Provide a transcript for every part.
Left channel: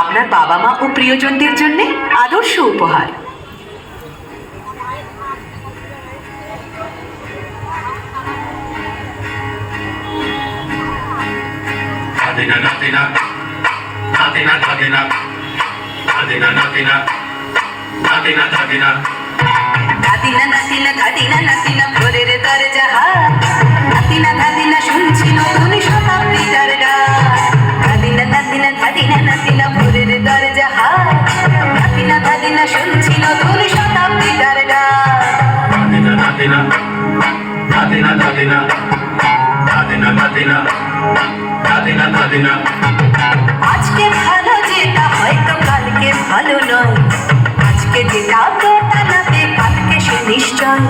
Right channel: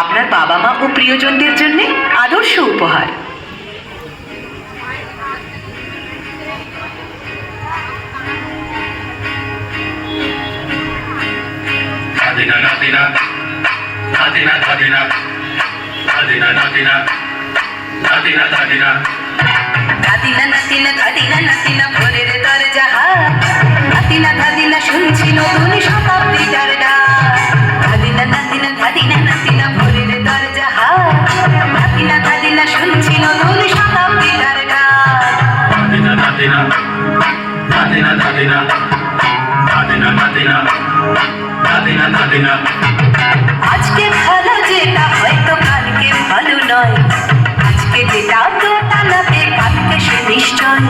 আপনার বাবা মা ও প্রিয়জনদের জন্য আদর্শ উপহার। Adina Nadina, Nadina Nadina, Nadina Nadina, Nadina Nadina. ধাদিনা নাতিনা ধাদিনা নাতিনা ভোরের দরজা ধাদিনা ধাদিনা শুনছি নতুন শতাব্দীটার ডাক। ধাদিনা নাতিনা ধাদিনা নাতিনা ভোরের দরজা ধাদিনা ধাদিনা শুনছি নতুন শতাব্দীটার ডাক। Nadina Nadina, Nadina Nadina, Nadina Nadina, Nadina Nadina. আজকে ভালো যেটা হয়তো কালকে ভালো নয়, আজকে যেটা তোটা নাতে কালকে সে নিশ্চয়।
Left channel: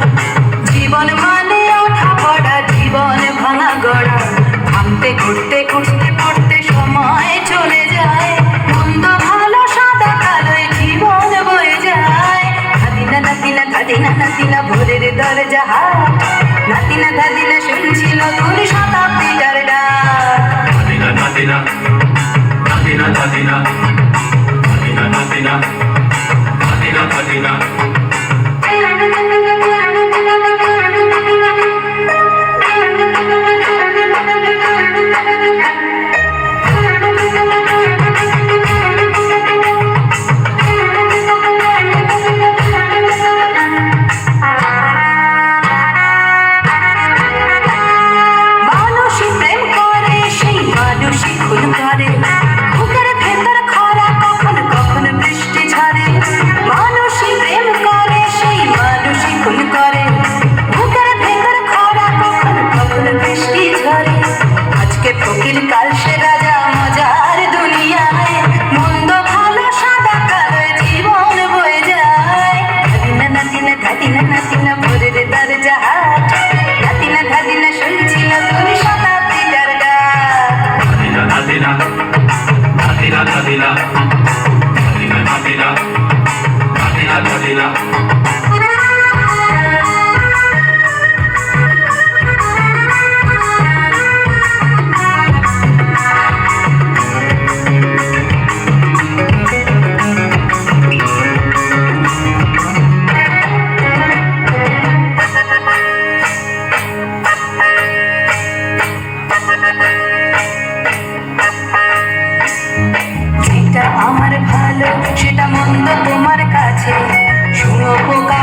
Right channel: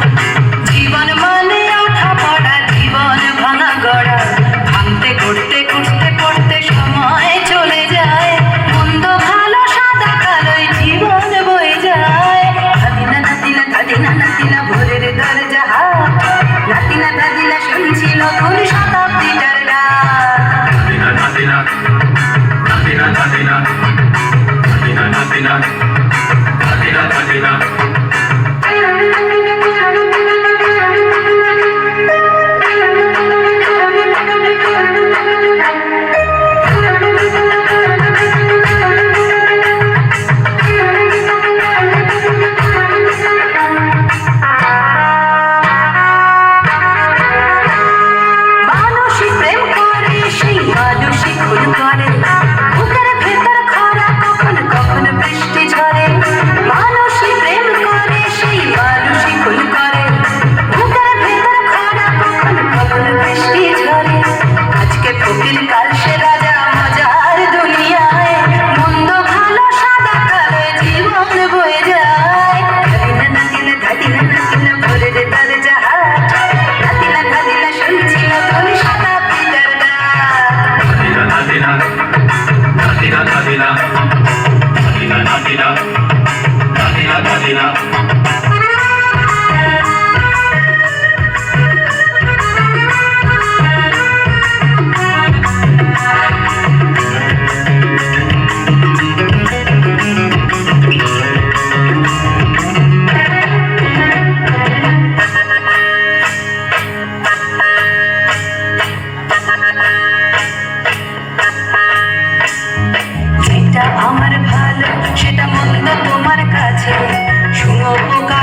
জীবন মানে ওঠা পড়া, জীবন ভাঙা গড়া, ভাঙতে ঘুরতে ঘুরতে পড়তে সময় চলে যায়। মন্দ ভালো সাদা কালোয় জীবন বয়ে যায়। ধাদিনা নাতিনা ধাদিনা নাতিনা ভোরের দরজা নাতিনা ধাদিনা শুনছি নতুন শতাব্দীটার ডাক। Nadina Nadina, Nadina Nadina, Nadina Nadina, Nadina Nadina. মানুষই প্রেম করে সেই মানুষই খুন করে, বুকের ভেতর খরা কখন কখন বৃষ্টি ঝরে। মানুষই প্রেম করে সেই মানুষই খুন করে, বুকের ভেতর খরা কখন কখন বৃষ্টি ঝরে। আজকে ফকির কাল সে রাজা মজার দুনিয়ায়, মন্দ ভালো সাদা কালোয় জীবন বয়ে যায়। ধাদিনা নাতিনা ধাদিনা নাতিনা ভোরের দরজা নাতিনা ধাদিনা শুনছি নতুন শতাব্দীটার ডাক। Nadina Nadina, Nadina Nadina, Nadina Nadina, Nadina Nadina. যেটা আমার ভালো সেটা মন্দ তোমার কাছে, শুঁয়ো পোকা